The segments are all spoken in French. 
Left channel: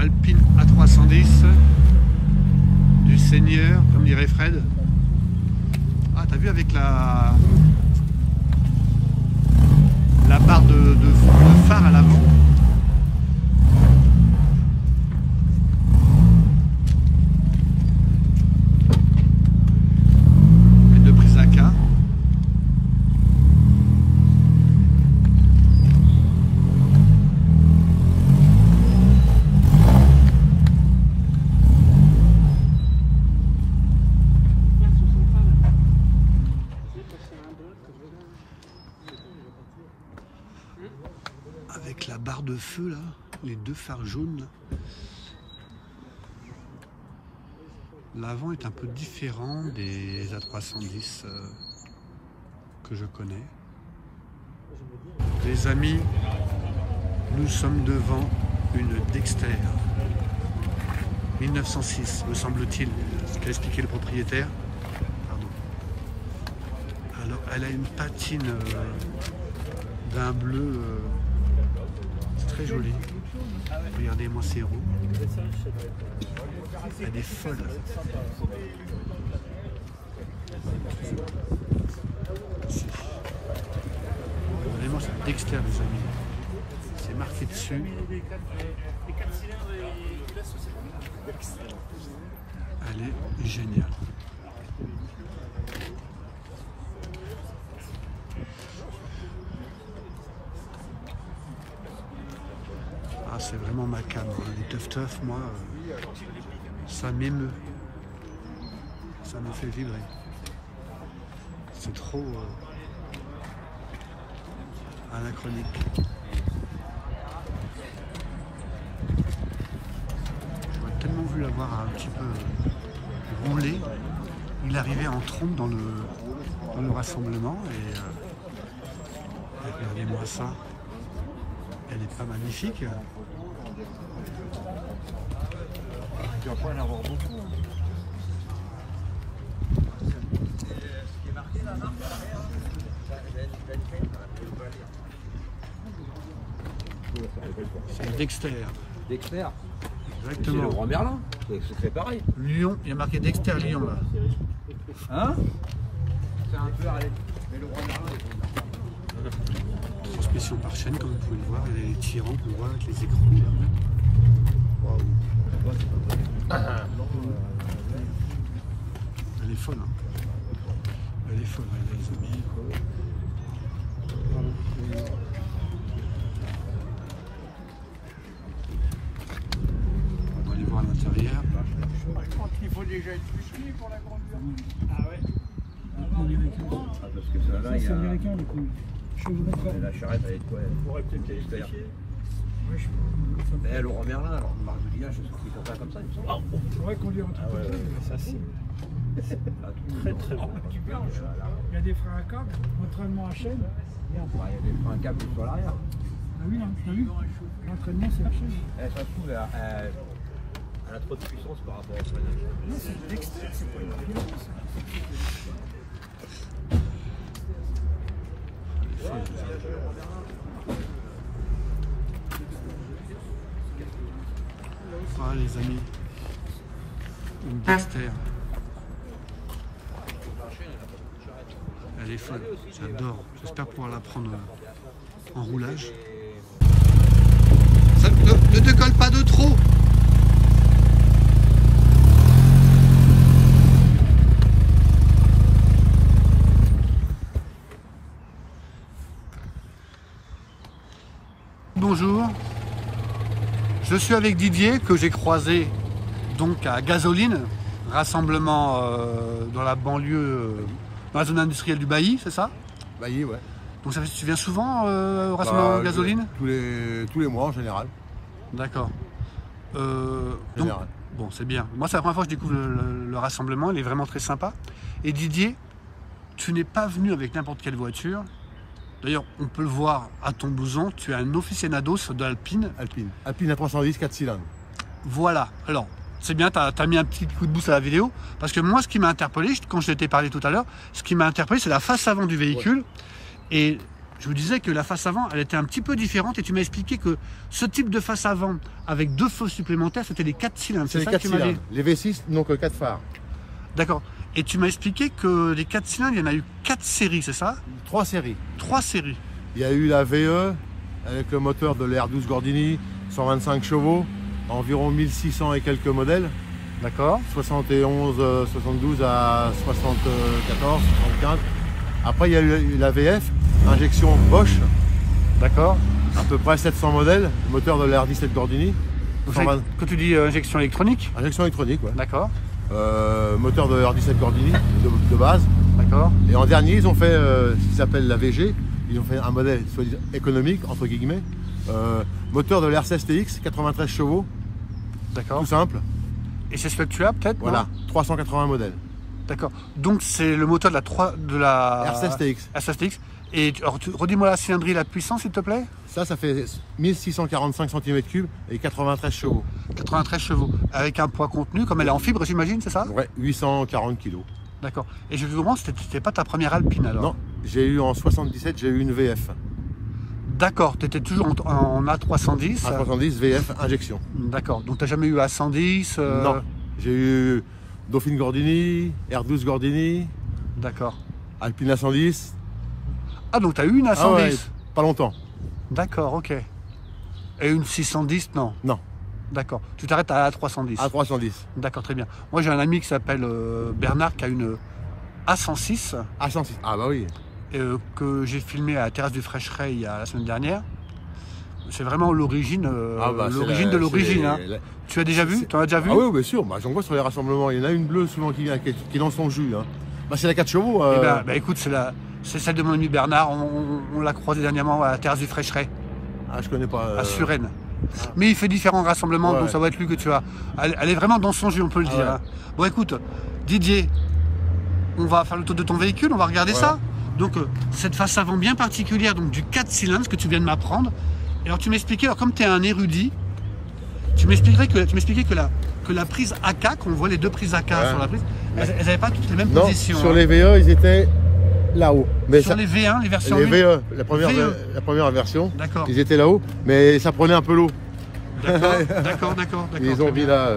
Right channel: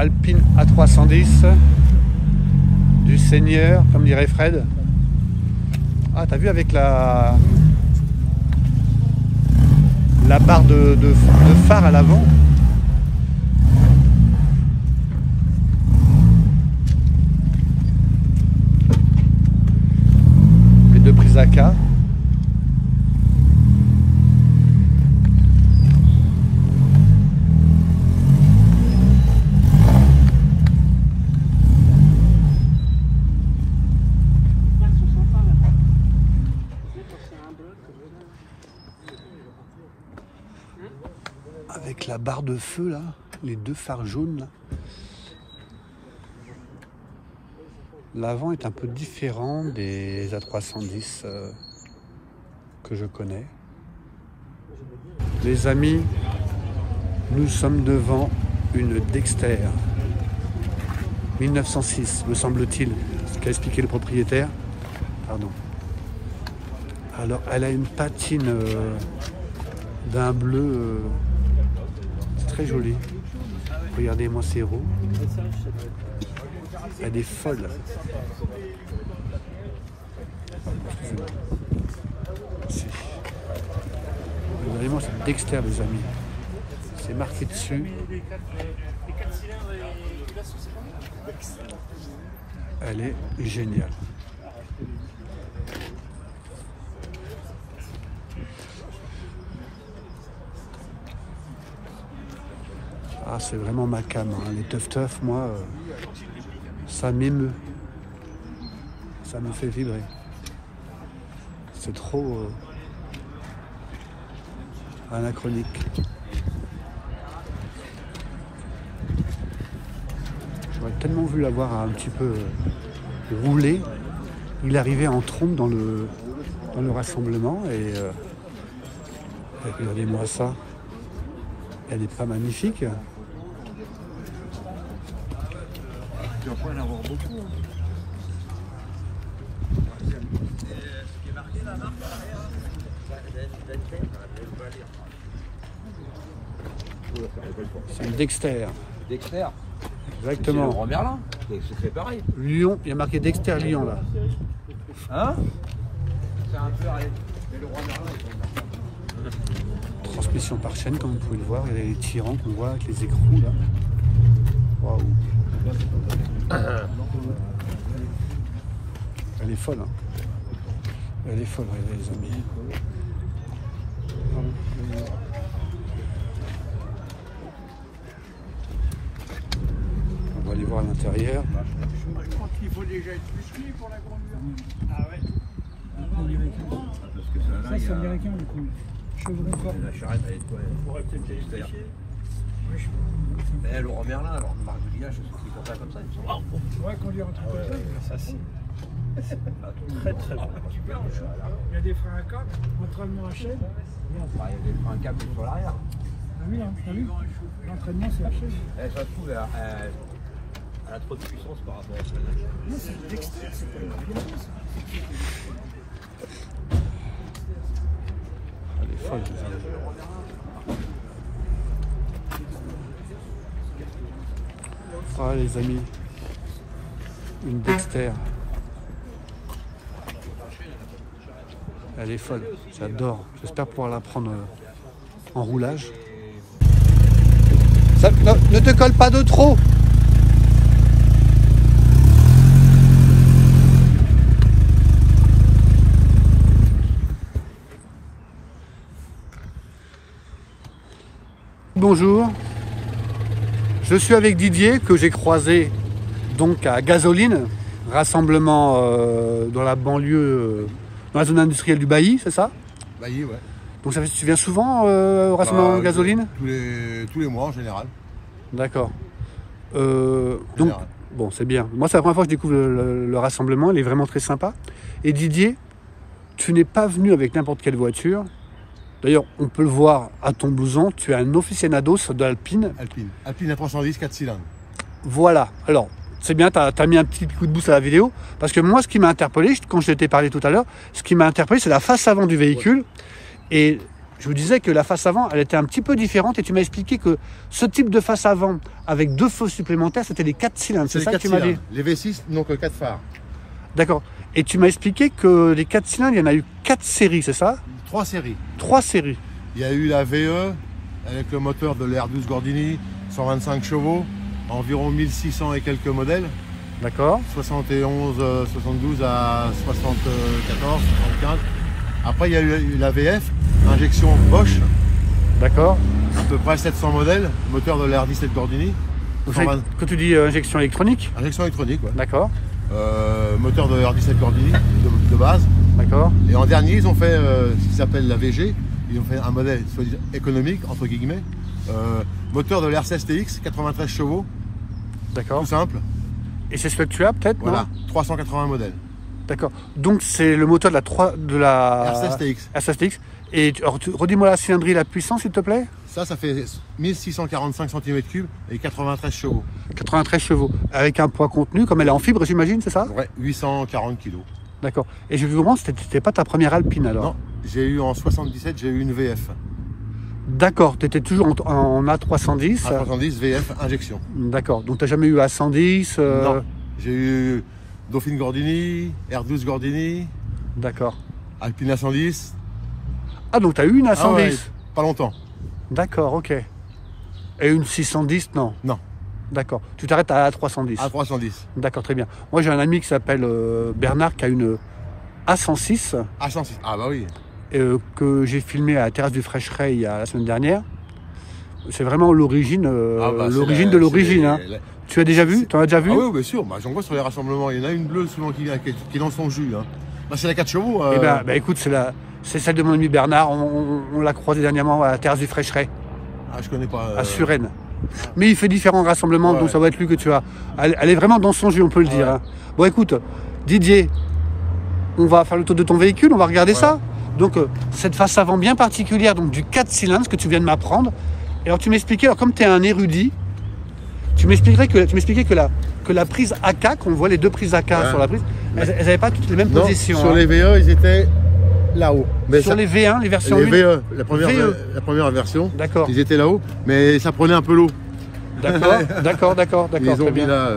Alpine A310 du Seigneur, comme dirait Fred. Ah, t'as vu avec la barre de phare à l'avant. Les deux prises AK. Avec la barre de feu là, les deux phares jaunes là. L'avant est un peu différent des A310 que je connais. Les amis, nous sommes devant une Dexter 1906, me semble-t-il, ce qu'a expliqué le propriétaire. Pardon. Alors, elle a une patine d'un bleu très jolie. Regardez-moi ces roues. Elle est folle. Regardez-moi cette Dexter, les amis. C'est marqué dessus. Elle est géniale. Ah, c'est vraiment ma cam, hein. Les teuf, moi, ça m'émeut. Ça me fait vibrer. C'est trop anachronique. J'aurais tellement voulu l'avoir un petit peu roulé. Il arrivait en trompe dans le rassemblement et regardez-moi ça. Elle n'est pas magnifique. Tu vas pas en avoir beaucoup. C'est une Dexter. Dexter. Exactement. C'est le Merlin. C'est pareil. Lyon, il y a marqué Dexter Lyon là. Hein? C'est un peu le roi Merlin. Transmission par chaîne, comme vous pouvez le voir. Il y a les tirants qu'on voit avec les écrous là. Waouh. Elle est folle, hein. Elle est folle, regardez les amis. On va aller voir à l'intérieur. Je pense qu'il faut déjà être petit pour la grandeur. Ah ouais. Parce que celle-là, il y a... américain du coup. Je peux vous mettre ça. La charrette avec quoi? Ouais, peut-être qu'elle est verte. Le roi Merlin, alors on parle de village, c'est pour ça comme ça. Il faudrait conduire un truc comme ça. Très très bon. Il y a des freins à cordes, l'entraînement en chaîne. Il y a des freins à câble sur l'arrière. Ah oui, hein, t'as vu? L'entraînement c'est la chaîne. Ça se trouve, elle a trop de puissance par rapport à celle-là. Non, c'est une Dexter, c'est pas une Organo ça. Elle est folle. Voilà les amis, une Dexter. Elle est folle, j'adore. J'espère pouvoir la prendre en roulage. Ça, ne te colle pas de trop. Bonjour, je suis avec Didier que j'ai croisé donc à Gasoline, rassemblement dans la banlieue, dans la zone industrielle du Bailly, c'est ça? Bailly, ouais. Donc ça fait, tu viens souvent au rassemblement Gasoline? Tous les mois en général. D'accord. Donc, bon, c'est bien. Moi, c'est la première fois que je découvre le rassemblement, il est vraiment très sympa. Et Didier, tu n'es pas venu avec n'importe quelle voiture. D'ailleurs, on peut le voir à ton blouson, tu es un aficionados de l'Alpine. Alpine A310 4 cylindres. Voilà. Alors, c'est bien, tu as mis un petit coup de boost à la vidéo. Parce que moi, ce qui m'a interpellé, quand je t'ai parlé tout à l'heure, ce qui m'a interpellé, c'est la face avant du véhicule. Ouais. Et je vous disais que la face avant, elle était un petit peu différente et tu m'as expliqué que ce type de face avant avec 2 feux supplémentaires, c'était les 4 cylindres. C'est ça que tu m'as dit? Les V6 n'ont que 4 phares. D'accord. Et tu m'as expliqué que les 4 cylindres, il y en a eu 4 séries, c'est ça? 3 séries. 3 séries. Il y a eu la VE avec le moteur de l'R12 Gordini, 125 chevaux, environ 1600 et quelques modèles. D'accord. 71, 72 à 74, 75. Après, il y a eu la VF, injection Bosch, D'accord. à peu près 700 modèles, moteur de l'R17 Gordini. Donc, 120 quand tu dis injection électronique? Injection électronique, ouais. D'accord. Moteur de l'R17 Gordini de base. D'accord. Et en dernier, ils ont fait ce qui s'appelle la VG. Ils ont fait un modèle soit économique, entre guillemets. Moteur de l'R16 TX, 93 chevaux, D'accord. tout simple. Et c'est ce que tu as peut-être? Voilà, 380 modèles. D'accord. Donc c'est le moteur de la R16 TX. R16 TX. Et redis-moi la cylindrée, la puissance, s'il te plaît? Ça fait 1645 cm3 et 93 chevaux. 93 chevaux. Avec un poids contenu, comme elle est en fibre, j'imagine, c'est ça? Ouais, 840 kg. D'accord. Et je comprends, c'était pas ta première Alpine alors? Non, j'ai eu en 77, j'ai eu une VF. D'accord. Tu étais toujours en A310? A310 VF injection. D'accord. Donc tu n'as jamais eu A110? Non, j'ai eu Dauphine Gordini, R12 Gordini, D'accord. Alpine A110. Ah, donc tu as eu une A110? Ah ouais, pas longtemps. D'accord, ok. Et une 610, non? Non, D'accord. Tu t'arrêtes à A310? A310. D'accord, très bien. Moi, j'ai un ami qui s'appelle Bernard qui a une A106 A106, ah bah oui. que j'ai filmé à la terrasse du Fraîcheret il y a la semaine dernière. C'est vraiment l'origine l'origine de l'origine. Hein. Tu as déjà vu? Tu en as déjà vu? Ah oui, bien sûr. Bah, j'en vois sur les rassemblements. Il y en a une bleue souvent qui est dans son jus. Hein. Bah, c'est la 4 chevaux. Eh ben, écoute, c'est celle de mon ami Bernard. On l'a croisée dernièrement à la terrasse du Fraîcheret, Ah, je connais pas. à Suresnes. Mais il fait différents rassemblements, Ouais. donc ça va être lui que tu as. Elle est vraiment dans son jus, on peut le dire. Hein. Bon, écoute, Didier, on va faire le tour de ton véhicule, on va regarder ça. Donc, cette face avant bien particulière, donc du 4 cylindres, ce que tu viens de m'apprendre. Et alors, tu m'expliquais, alors comme tu es un érudit, tu m'expliquais que la prise AK, qu'on voit les 2 prises AK sur la prise, elles n'avaient pas toutes les mêmes positions. Sur hein. les VE, ils étaient là-haut. Sur les V1, les versions les 1. VE, la première version, D'accord. ils étaient là-haut, mais ça prenait un peu l'eau. D'accord. Ils ont très mis bien. là.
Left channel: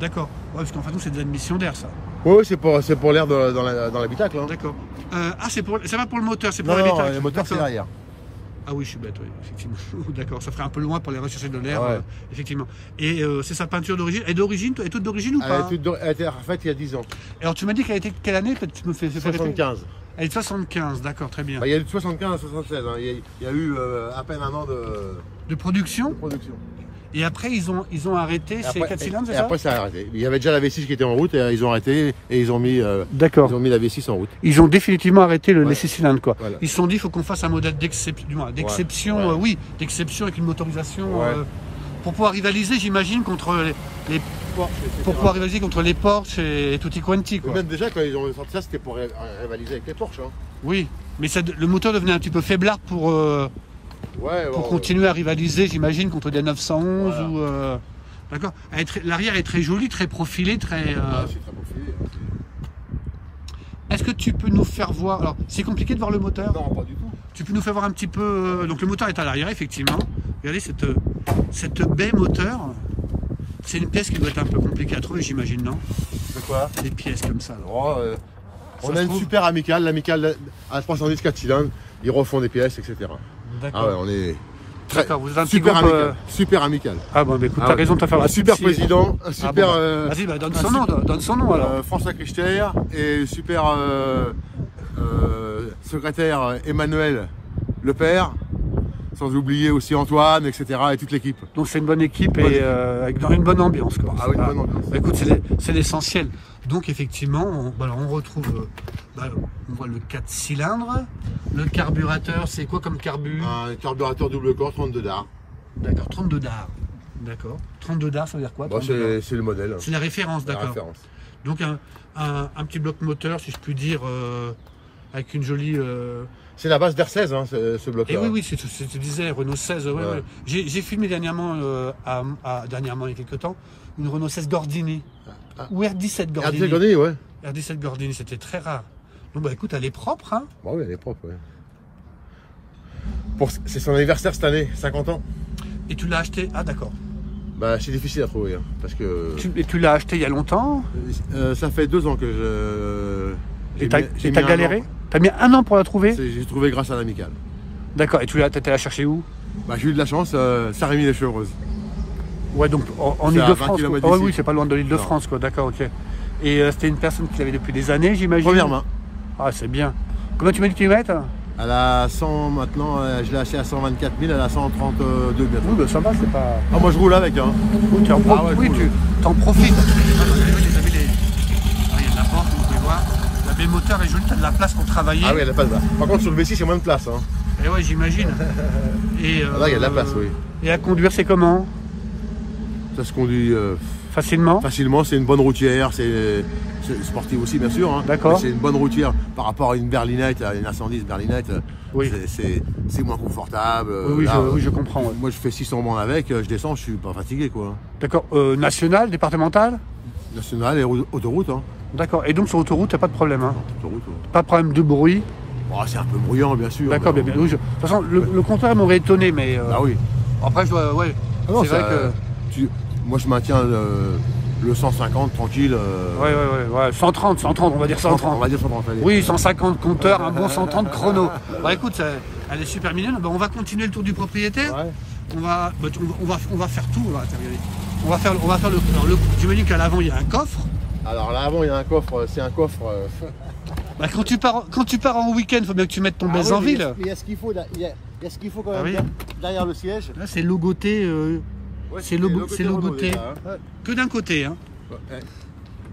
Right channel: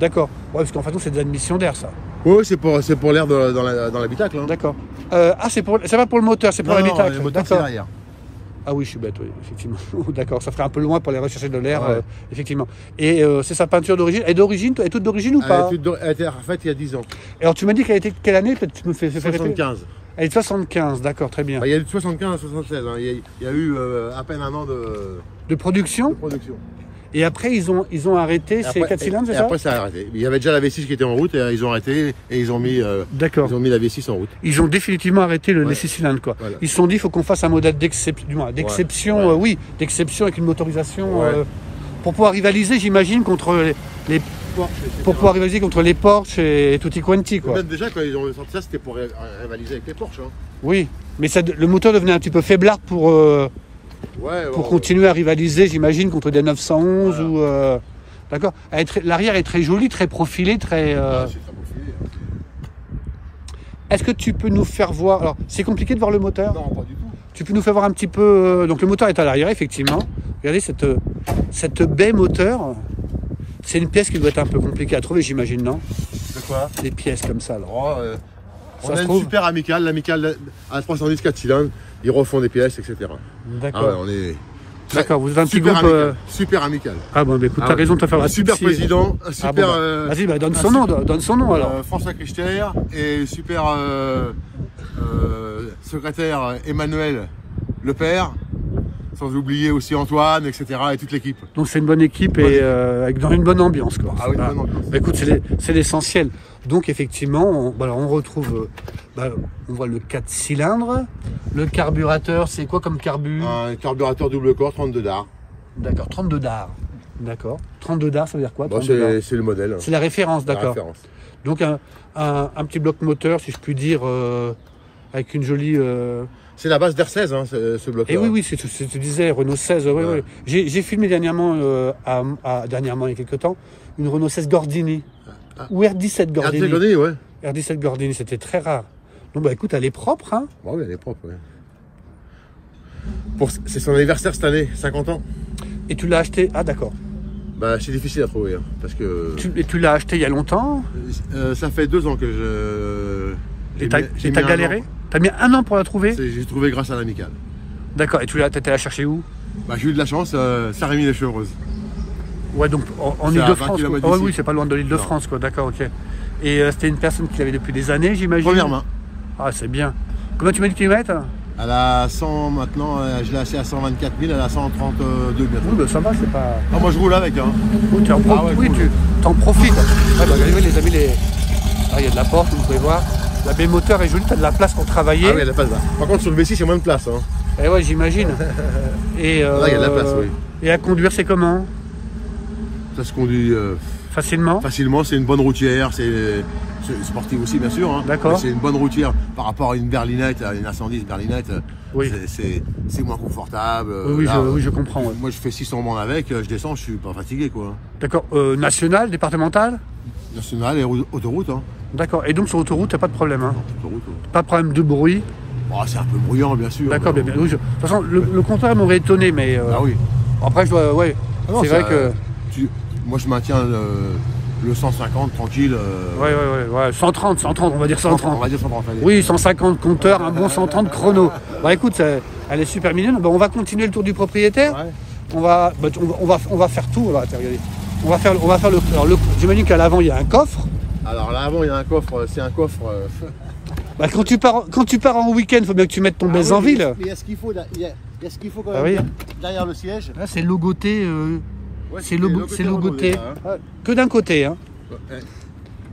D'accord. Ouais, parce qu'en fait, c'est de l'admission d'air, ça. Oui, c'est pour l'air dans l'habitacle. Hein. D'accord. C'est pas pour le moteur, c'est pour Non, l'habitacle. le moteur, c'est D'accord. l'arrière. Ah oui, je suis bête, oui, effectivement. D'accord, ça ferait un peu loin pour aller rechercher de l'air, Ouais. effectivement. Et c'est sa peinture d'origine. Elle est toute d'origine ou pas? Elle a été refaite il y a 10 ans. Et alors, tu m'as dit qu'elle était quelle année? Peut-être tu me fais répéter. 75. Elle est de 75, d'accord, très bien. Bah, il y a eu de 75 à 76. Hein. Il y a eu à peine un an de De production. production. Et après, ils ont arrêté ces 4 cylindres, c'est ça? Après, ça a arrêté. Il y avait déjà la V6 qui était en route et ils ont arrêté et ils ont mis D'accord. la V6 en route. Ils ont définitivement arrêté les 6 cylindres, quoi. Voilà. Ils se sont dit, il faut qu'on fasse un modèle d'exception, d'exception avec une motorisation, pour pouvoir rivaliser, j'imagine, contre les Porsche et tutti quanti, quoi. Même déjà, quand ils ont sorti ça, c'était pour rivaliser avec les Porsche. Hein. Oui, mais le moteur devenait un petit peu faiblard pour continuer à rivaliser, j'imagine, contre des 911 ou... D'accord. L'arrière est très joli, très profilé, très... C'est très bon fini. Est-ce que tu peux nous faire voir... Alors, c'est compliqué de voir le moteur? Non, pas du tout. Tu peux nous faire voir un petit peu... Donc le moteur est à l'arrière, effectivement. Regardez cette baie moteur. C'est une pièce qui doit être un peu compliquée à trouver, j'imagine, non? C'est quoi? Des pièces comme ça, là. Oh, Ça on se a une trouve. super amicale, l'amicale à 310 4 cylindres. Ils refont des pièces, etc. D'accord. Ah ouais, on est... D'accord, vous êtes un petit Super groupe... amical. Super amical. Ah bon, bah, écoute, t'as raison de te faire Un super président, un super... Vas-y, bah, donne son nom, alors. François Crichter et super secrétaire Emmanuel Lepère, sans oublier aussi Antoine, etc. et toute l'équipe. Donc c'est une bonne équipe et avec dans une bonne ambiance, quoi. Ah oui, une bonne ambiance. Bah, écoute, c'est l'essentiel. Donc effectivement, on retrouve, on voit le 4 cylindres. Le carburateur, c'est quoi comme carbu? Un carburateur double corps 32 dars. D'accord, 32 dars. D'accord. 32 dars, ça veut dire quoi? Bon, 32 dars. c'est le modèle. C'est la référence, La d'accord. référence. Donc un petit bloc moteur, si je puis dire, avec une jolie... C'est la base d'R16, hein, ce bloc-là. Et oui, c'est ce que tu disais, Renault 16. Oui, Ouais. oui. J'ai filmé dernièrement, dernièrement, il y a quelques temps, une Renault 16 Gordini. Ou R17 Gordini. R17 ouais. R17 Gordini, c'était très rare. Donc, bah écoute, elle est propre, hein. Bon, oui, elle est propre, ouais. C'est son anniversaire cette année, 50 ans. Et tu l'as acheté? Ah d'accord. Bah, c'est difficile à trouver, hein, parce que... Tu l'as acheté il y a longtemps? Ça fait 2 ans que je... Et t'as galéré? T'as mis 1 an pour la trouver? J'ai trouvé grâce à l'amicale. D'accord, et tu l'as la chercher où? Bah, j'ai eu de la chance, Saint-Rémy-les-Chevreuses. Ouais, donc en Ile-de-France. Oh, oui, c'est pas loin de l'Île-de-France, quoi. D'accord, ok. Et c'était une personne qui l'avait depuis des années, j'imagine? Première main. Ah, c'est bien. Combien tu mets de kilomètres? Elle a 100 maintenant, je l'ai acheté à 124 000, elle a 132 mètres. Oui, bah ça va, c'est pas... Ah, moi je roule avec, hein. Oui, tu en, cool. t'en profites. Ouais, bah, les amis, ah, il y a de la porte, vous pouvez voir. La baie moteur est jolie, t'as de la place pour travailler. Ah oui, il y a de la place là. Par contre, sur le V6, il y a moins de place, hein. Eh ouais, j'imagine. Et là, il y a de la place, oui. Et à conduire, c'est comment? Ça se conduit facilement. Facilement, c'est une bonne routière, c'est sportif aussi, bien sûr. Hein. D'accord. C'est une bonne routière par rapport à une berlinette, à une A110 berlinette. Oui. C'est moins confortable. Oui, là, oui, je comprends. Ouais. Moi, je fais 600 bornes avec, je descends, je suis pas fatigué, quoi. D'accord. National, départemental? National et autoroute, hein. D'accord. Et donc sur autoroute, t'as pas de problème, hein? Non, autoroute, ouais. Pas de problème de bruit? Oh, c'est un peu bruyant, bien sûr. D'accord, bien. Oui, de toute façon, le compteur m'aurait étonné, mais. Ah oui. Après, je dois. Ouais. Ah non, c'est vrai que. Moi, je maintiens le 150 tranquille. Ouais. 130, on va dire 130. On va dire 130, allez. Oui, 150 compteurs, un bon 130 chrono. Bah écoute, elle est super mignonne. Bah, on va continuer le tour du propriétaire. Ouais. On va faire tout. Là, regardez. On va faire le. J'imagine qu'à l'avant, il y a un coffre. Alors là, avant, il y a un coffre. C'est un coffre. Bah, quand tu pars en week-end, il faut bien que tu mettes ton baise en ville. Il y a ce qu'il faut, il y a ce qu'il faut quand même. Ah, oui. Derrière le siège. Là, c'est logoté. Ouais, c'est logoté. Hein. Que d'un côté. Hein. Ouais.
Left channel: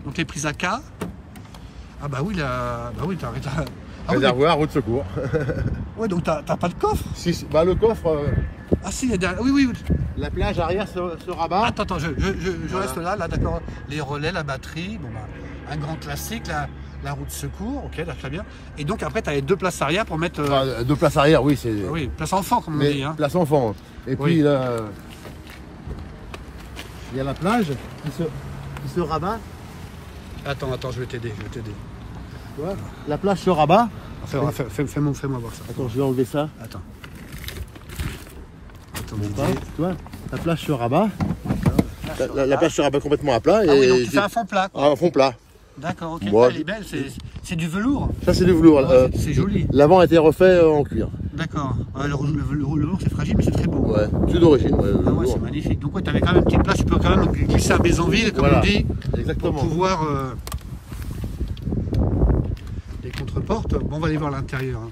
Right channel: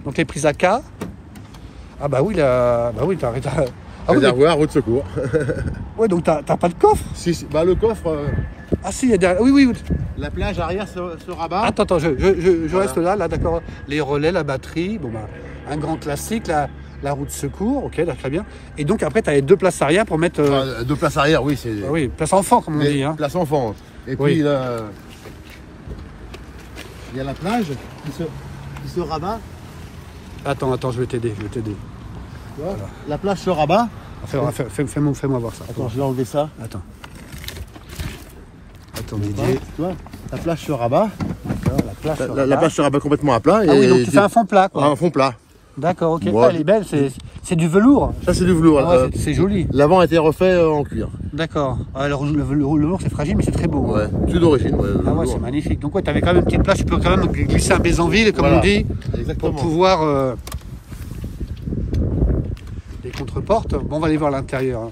Donc, t'es prise à K. Ah, bah oui, là. Bah oui, t'as. Ah, réservoir, roue de secours. Ouais, donc t'as pas de coffre? Si, bah le coffre. Ah, si, il y a derrière. Oui. La plage arrière se rabat. Attends, je reste là, d'accord. Les relais, la batterie. Bon, bah, un grand classique, la roue de secours, ok, là, très bien. Et donc après, tu as les 2 places arrière pour mettre... 2 places arrière, oui, c'est... Ah oui, place enfant, comme on dit. Hein. Place enfant. Et puis, là, il y a la plage qui se rabat. Attends, je vais t'aider. Voilà. La plage se rabat. Fais-moi voir ça. Attends, je vais enlever ça. Attends, Didier. Tu vois, la plage se rabat. La plage se rabat complètement à plat. Ah oui, donc tu fais un fond plat, quoi. Un fond plat. D'accord, ok. Ouais. Ah, elle est belle, c'est du velours. Ça, c'est du velours. Ouais, c'est joli. L'avant a été refait en cuir. D'accord. Ah, le velours, c'est fragile, mais c'est très beau. Ouais, tout d'origine. Ouais, ah ouais, c'est magnifique. Donc, ouais, tu avais quand même une petite place, tu peux quand même glisser un Bézanville, comme on dit. Exactement. Pour pouvoir. Les contreportes. Bon, on va aller voir l'intérieur. Hein.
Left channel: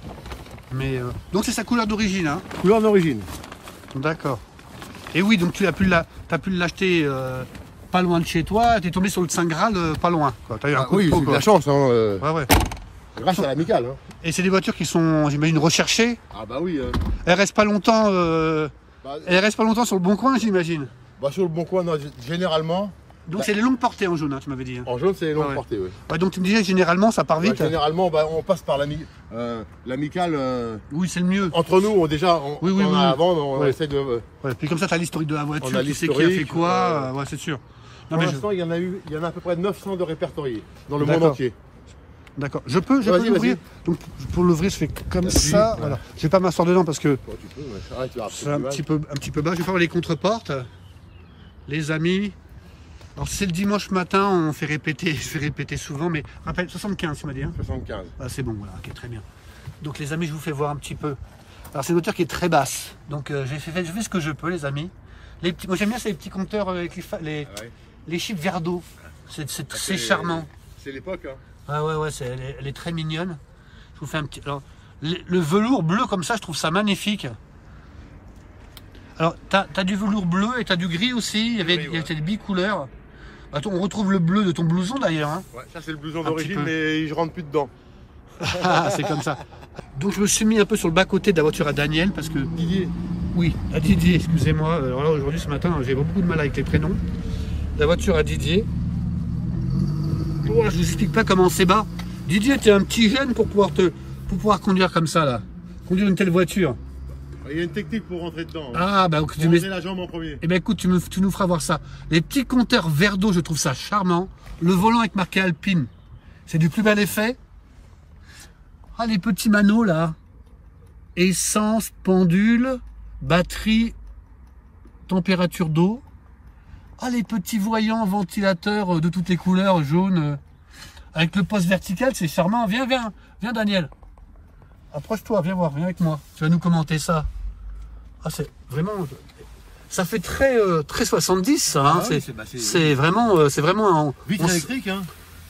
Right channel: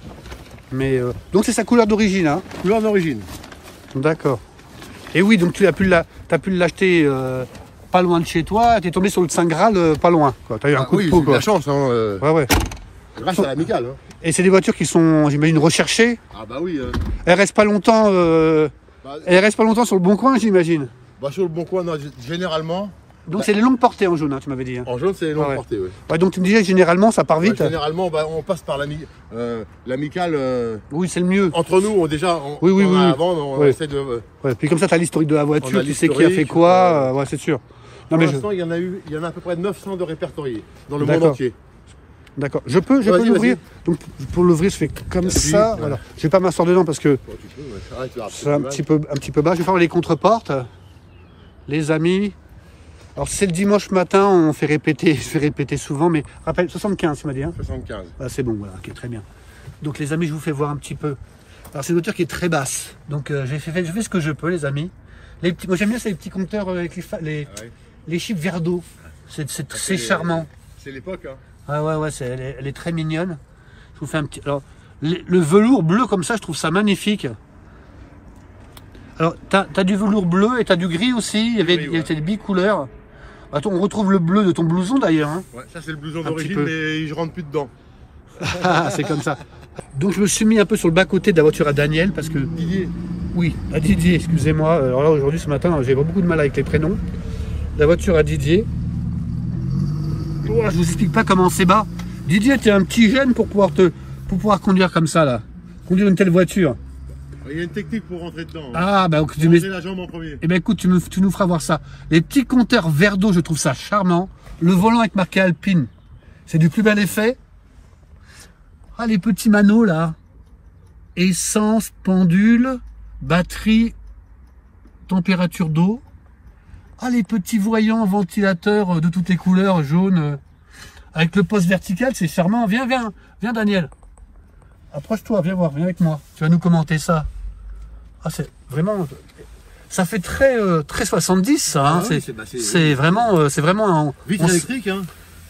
Mais donc, c'est sa couleur d'origine. Hein. Couleur d'origine. D'accord. Et oui, donc tu as pu l'acheter. Pas loin de chez toi, t'es tombé sur le Saint Graal pas loin. T'as eu un coup de peau, quoi. La chance, hein. Ouais. Grâce à l'amicale. Hein. Et c'est des voitures qui sont, j'imagine, recherchées. Ah bah oui. Elles restent pas longtemps. Elles restent pas longtemps sur le bon coin, j'imagine. Bah sur le bon coin, non, généralement. Donc c'est les longues portées en jaune, hein, tu m'avais dit. Hein. En jaune, c'est les longues portées, oui. Ouais, donc tu me disais généralement ça part vite. Généralement, bah, on passe par l'amicale. Oui, c'est le mieux. Entre nous, déjà, oui. Avant, on essaie de. Ouais, puis comme ça, tu as l'historique de la voiture, tu sais qui a fait quoi. Ouais, c'est sûr. Pour l'instant, il y en a à peu près 900 de répertoriés dans le monde entier. D'accord. Je peux l'ouvrir. Donc pour l'ouvrir, je fais comme ça. Voilà. Je vais pas m'asseoir dedans parce que c'est un petit peu bas. Je vais faire les contreportes. Les amis. Alors c'est le dimanche matin, on fait répéter, je fais répéter souvent, mais rappelle 75, tu m'as dit. Hein 75. Ah, c'est bon, voilà, ok, très bien. Donc les amis, je vous fais voir un petit peu. Alors c'est une voiture qui est très basse. Donc je fais ce que je peux, les amis. Moi j'aime bien ces petits compteurs avec les chiffres verre d'eau. C'est charmant. C'est l'époque, hein. Ouais, elle est très mignonne. Je vous fais un petit. Alors, le velours bleu comme ça, je trouve ça magnifique. Alors, t'as du velours bleu et t'as du gris aussi. Il y avait des bicouleurs. Attends, on retrouve le bleu de ton blouson d'ailleurs. Hein. Ouais, ça c'est le blouson d'origine, mais je rentre plus dedans. C'est comme ça. Donc je me suis mis un peu sur le bas-côté de la voiture à Daniel parce que Didier. Oui, à Didier, excusez-moi. Alors là, aujourd'hui, ce matin, j'ai beaucoup de mal avec les prénoms. La voiture à Didier. Oh, je vous explique pas comment c'est bas. Didier, tu es un petit jeune pour pouvoir conduire comme ça là. Conduire une telle voiture. Il y a une technique pour rentrer dedans. Hein. Ah, bah, tu mets la jambe en premier. Eh ben, écoute, tu nous feras voir ça. Les petits compteurs verre d'eau, je trouve ça charmant. Le volant avec marqué Alpine, c'est du plus bel effet. Ah, les petits manos, là. essence, pendule, batterie, température d'eau. Ah, les petits voyants ventilateurs de toutes les couleurs, jaune, avec le poste vertical, c'est charmant. Viens, Daniel. Approche-toi, viens voir, viens avec moi. Tu vas nous commenter ça. Ah, c'est vraiment... Ça fait très 70, ça. Hein. Ouais, c'est vraiment un... Vitre électrique, hein.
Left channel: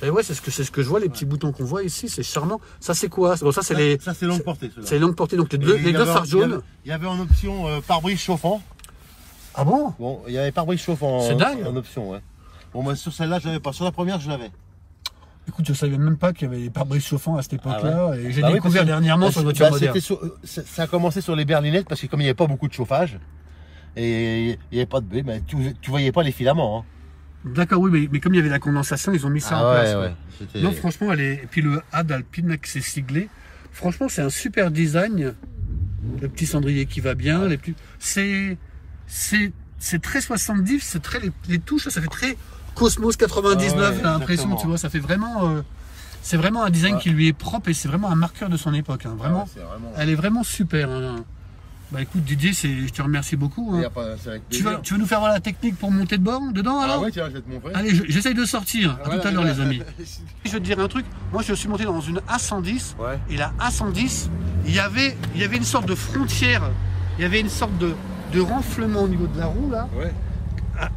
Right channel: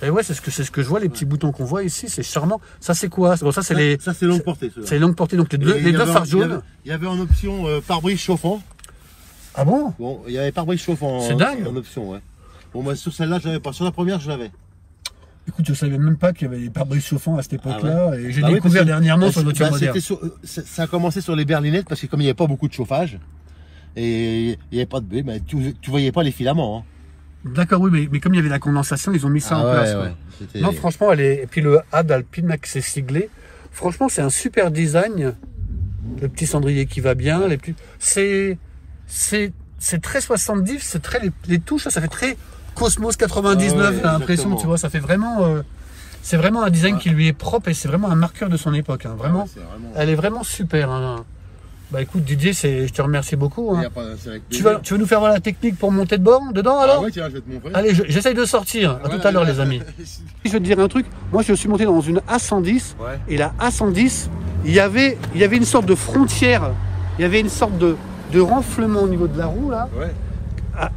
Et ouais, c'est ce que je vois, les petits boutons qu'on voit ici, c'est charmant. Ça, c'est quoi? Bon, ça, c'est les... Ça, c'est longue portée. C'est les longues portées, donc les deux phares jaunes. Il y avait en option pare-brise chauffant. Ah bon? Bon, il y avait pare-brise chauffant C'est dingue. En option, ouais. Bon, moi, sur celle-là, je l'avais pas. Sur la première, je l'avais. Écoute, je savais même pas qu'il y avait des pare-brise chauffants à cette époque-là. Ah ouais. Et j'ai découvert dernièrement sur une voiture moderne. Ça a commencé sur les berlinettes parce que comme il n'y avait pas beaucoup de chauffage et il n'y avait pas de blé, ben, tu voyais pas les filaments. Hein. D'accord, oui, mais comme il y avait la condensation, ils ont mis ça en place. Ouais. Non, franchement, et puis le Had Alpine qui s'est siglé. Franchement, c'est un super design. Le petit cendrier qui va bien. Les petits... C'est très 70, c'est très les touches, ça fait très Cosmos 99, j'ai l'impression, tu vois, ça fait vraiment... c'est vraiment un design qui lui est propre et c'est vraiment un marqueur de son époque. Hein. Vraiment, elle est vraiment super. Hein. Bah écoute Didier, je te remercie beaucoup. Hein. Tu vas nous faire voir la technique pour monter dedans alors? Oui, tiens, je vais te montrer. Allez, j'essaye de sortir. À tout à l'heure les amis. Je vais te dire un truc. Moi je suis monté dans une A110 et la A110, il y avait une sorte de frontière, il y avait une sorte de renflement au niveau de la roue là,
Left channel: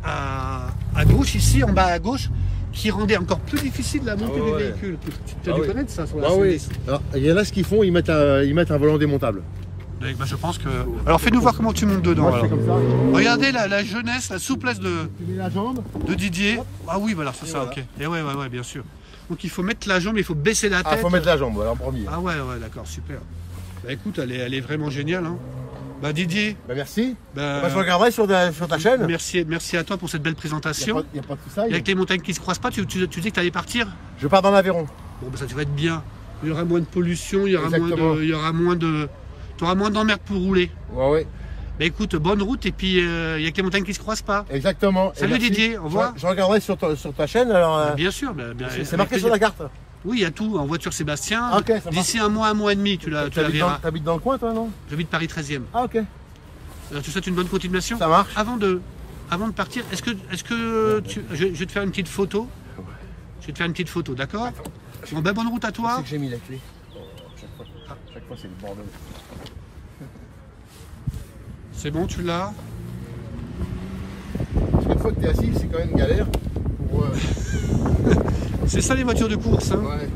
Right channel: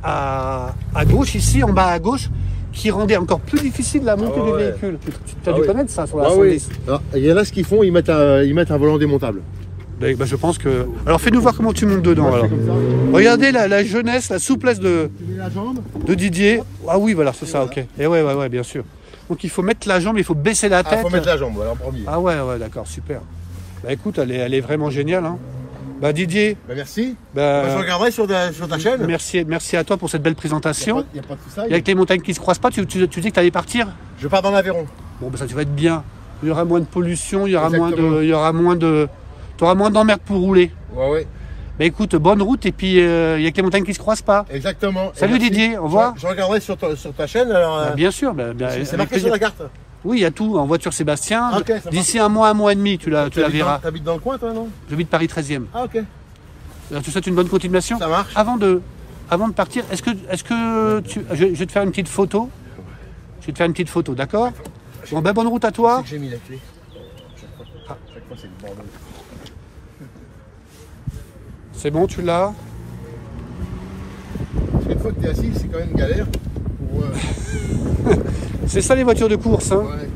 à gauche ici, en bas à gauche, qui rendait encore plus difficile la montée du véhicule. Tu as dû connaître ça sur la A110. Oui. Alors, il y en a ce qu'ils font, ils mettent un volant démontable. Bah, je pense que... Alors fais-nous voir comment tu montes dedans. Alors. Comme ça, regardez la jeunesse, la souplesse de Didier. Ah oui, voilà, c'est ça, ok. Et ouais, bien sûr. Donc il faut mettre la jambe, il faut baisser la tête. Il faut mettre la jambe, voilà, en premier. Ah ouais, d'accord, super. Bah écoute, elle est vraiment géniale. Hein. Bah Didier. Bah merci. Je regarderai sur ta chaîne. Merci à toi pour cette belle présentation. Il n'y a pas de tout ça. Avec les montagnes qui se croisent pas, tu dis que tu allais partir? Je pars dans l'Aveyron. Bon, bah ça tu vas être bien. Il y aura moins de pollution, il y aura moins de... Tu auras moins d'emmerdes pour rouler. Ouais. Bah écoute, bonne route et puis il y a que les montagnes qui se croisent pas. Exactement. Salut Didier, au revoir. Je regarderai sur ta chaîne. Alors, bien sûr. c'est marqué sur la carte. Oui, il y a tout en voiture Sébastien. Okay, d'ici un mois et demi, tu la verras. T'habites dans le coin toi, non? J'habite Paris 13e. Ah ok. Alors, tu souhaites une bonne continuation? Ça marche. Avant de partir, est-ce que je vais te faire une petite photo? Je vais te faire une petite photo, d'accord? Bon, ben bonne route à toi. J'ai mis la clé. Chaque fois c'est le bordel. C'est bon, tu l'as? Parce qu'une fois que t'es assis, c'est quand même galère. C'est ça les voitures de course, hein. Ouais.